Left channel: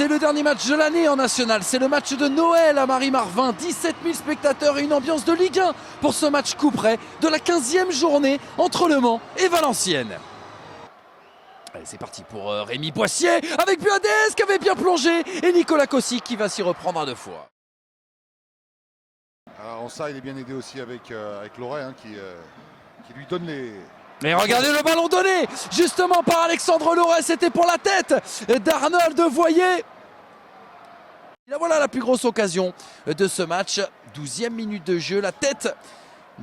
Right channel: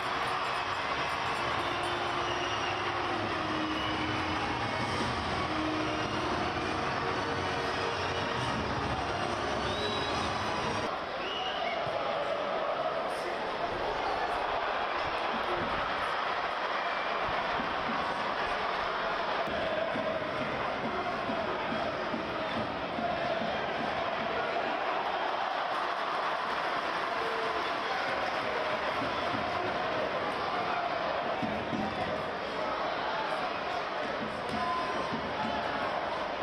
C'est le dernier match de l'année en national, c'est le match de Noël à Marie-Marvin. 17 000 spectateurs et une ambiance de Ligue 1 pour ce match coup près de la 15e journée entre Le Mans et Valenciennes. C'est parti pour Rémi Boissier avec Buades qui avait bien plongé et Nicolas Cossy qui va s'y reprendre à 2 fois. Alors ça, il est bien aidé aussi avec Loret qui lui donne les... Mais regardez le ballon donné justement par Alexandre Loret, c'était pour la tête d'Arnold Voyer. Et voilà la plus grosse occasion de ce match. 12e minute de jeu, la tête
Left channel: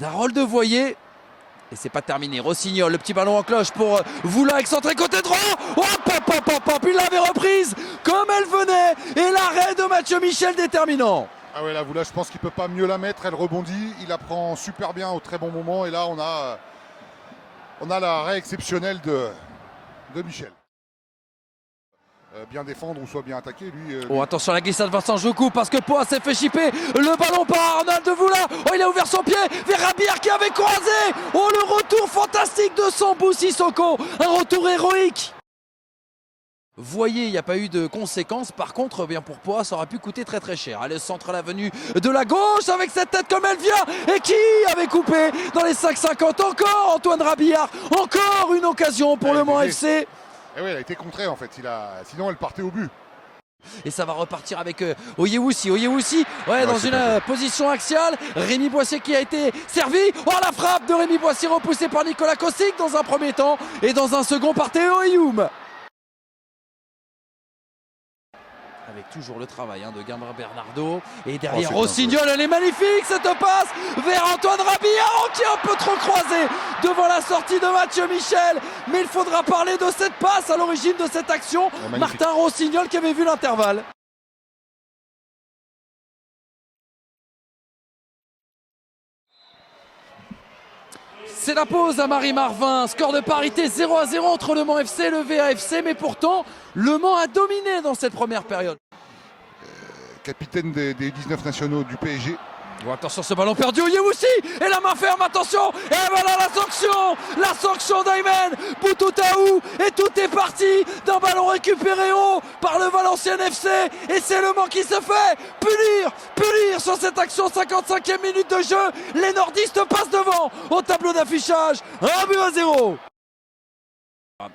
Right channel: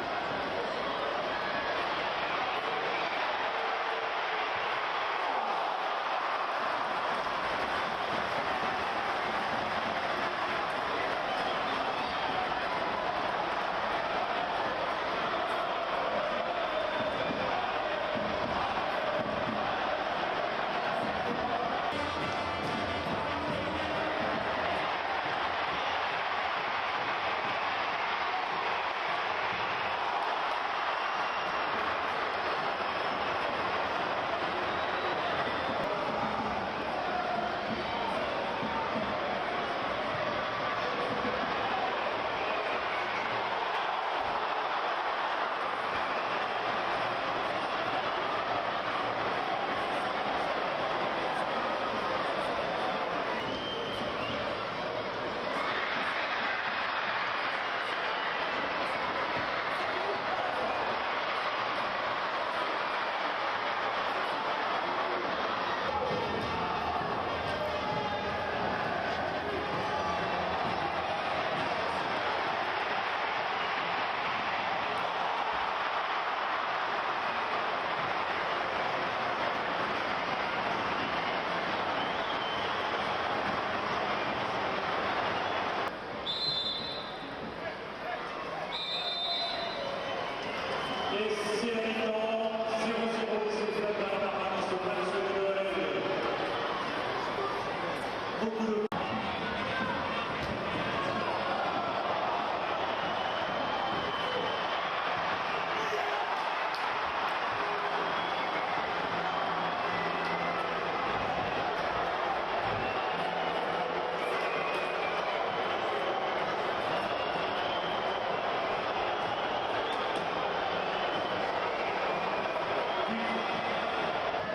d'Harold Voyer. Et c'est pas terminé, Rossignol, le petit ballon en cloche pour Voula, excentré côté droit. Oh, il l'avait reprise comme elle venait. Et l'arrêt de Mathieu Michel déterminant. Ah ouais, là, Voula, je pense qu'il peut pas mieux la mettre, elle rebondit, il la prend super bien au très bon moment. Et là, on a l'arrêt exceptionnel de Michel. Bien défendre, on soit bien attaqué. Oh, attention à la glissade Vincent Joucou parce que Poix s'est fait chipper. Le ballon par Arnold Voula. Oh, il a ouvert son pied vers Rabillard qui avait croisé. Oh, le retour fantastique de Sambou Sissoko. Un retour héroïque. Vous voyez, il n'y a pas eu de conséquences. Par contre, bien pour Poix, ça aurait pu coûter très très cher. Le centre à la venue de la gauche avec cette tête comme elle vient. Et qui avait coupé dans les 5,50 encore Antoine Rabillard. Encore une occasion pour Le Mans FC. Et oui, elle a été contrée en fait. Sinon, elle partait au but. Et ça va repartir avec Oyewusi, dans une position axiale. Rémi Boissier qui a été servi. Oh, la frappe de Rémi Boissier repoussée par Nicolas Kossik dans un premier temps. Et dans un second par Théo Ayoum. Toujours le travail de Gamelin Bernardo. Et derrière Rossignol, elle est magnifique cette passe vers Antoine Rabillard qui est un peu trop croisé devant la sortie de Mathieu Michel. Mais il faudra parler de cette passe à l'origine de cette action. Martin Rossignol qui avait vu l'intervalle. C'est la pause à Marie-Marvin. Score de parité 0-0 entre Le Mans FC et le VAFC. Mais pourtant, Le Mans a dominé dans cette première période. Capitaine des 19 nationaux du PSG. Oh, attention, ce ballon perdu, Oyewusi et la main ferme, attention, et voilà la sanction d'Aymen Boutoutaou, et tout est parti d'un ballon récupéré haut par le Valenciennes FC, et c'est Le Mans qui se fait punir sur cette action. 55e minute de jeu, les nordistes passent devant au tableau d'affichage, 1-0.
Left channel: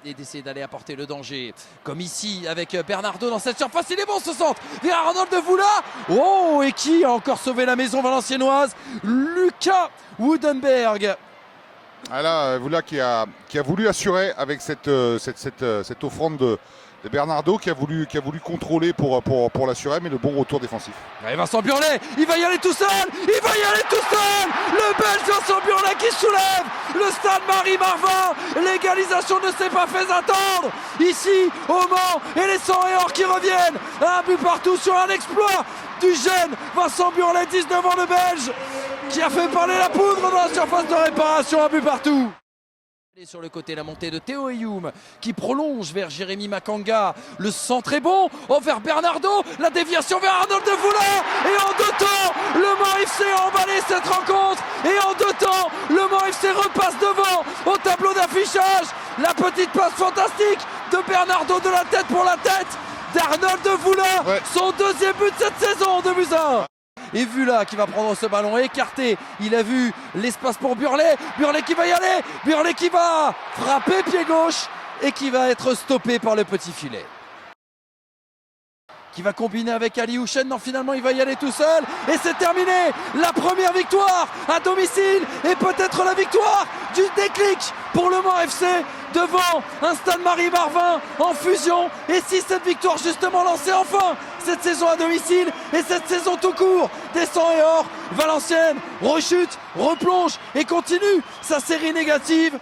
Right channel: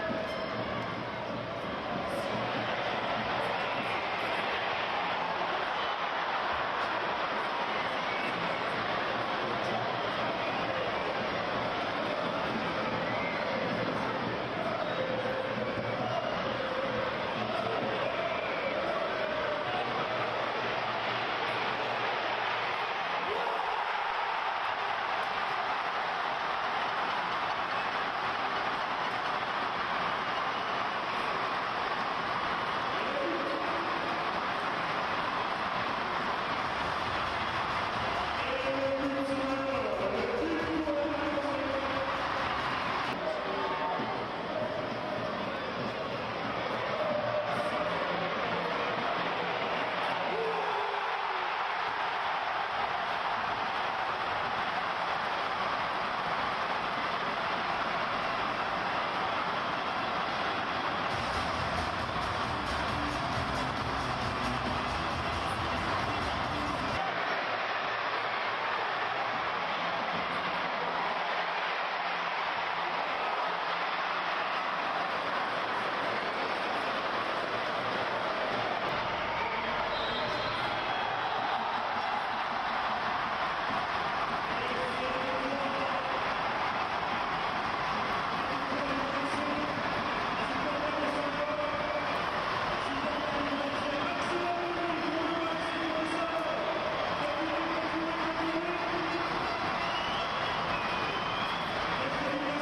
Et d'essayer d'aller apporter le danger, comme ici avec Bernardo dans cette surface. Il est bon ce centre vers Arnold Voula. Oh, et qui a encore sauvé la maison valenciennoise? Lucas Woodenberg. Ah là, Voula qui a voulu assurer avec cette offrande de Bernardo, qui a voulu contrôler pour l'assurer, mais le bon retour défensif. Et Vincent Burlet, il va y aller tout seul. Le Belge Vincent Burlet qui soulève le stade Marie-Marvin. L'égalisation ne s'est pas fait attendre ici au Mans, et les 100 et or qui reviennent. Un but partout sur un exploit du jeune Vincent Burlet, 19 ans, de Belge, qui a fait parler la poudre dans la surface de réparation. Un but partout. Sur le côté, la montée de Théo Ayoum qui prolonge vers Jérémy Makanga. Le centre est bon, vers Bernardo, la déviation vers Arnold Voula. Et en 2 temps, Le Mans FC a emballé cette rencontre. Et en 2 temps, Le Mans FC repasse devant au tableau d'affichage. La petite passe fantastique de Bernardo, de la tête pour la tête d'Arnold Voula. Ouais. Son 2e but de cette saison, 2-1. Et Voula qui va prendre ce ballon écarté. Il a vu l'espace pour Burlet. Burlet qui va y aller. Burlet qui va frapper pied gauche et qui va être stoppé par le petit filet. Qui va combiner avec Ali Houchen. Non, finalement il va y aller tout seul. Et c'est terminé. La première victoire à domicile. Et peut-être la victoire du déclic pour Le Mans FC devant un stade Marie-Marvin en fusion. Et si cette victoire justement lançait enfin cette saison à domicile et cette saison tout court des 100 et or, Valenciennes rechute, replonge et continue sa série négative.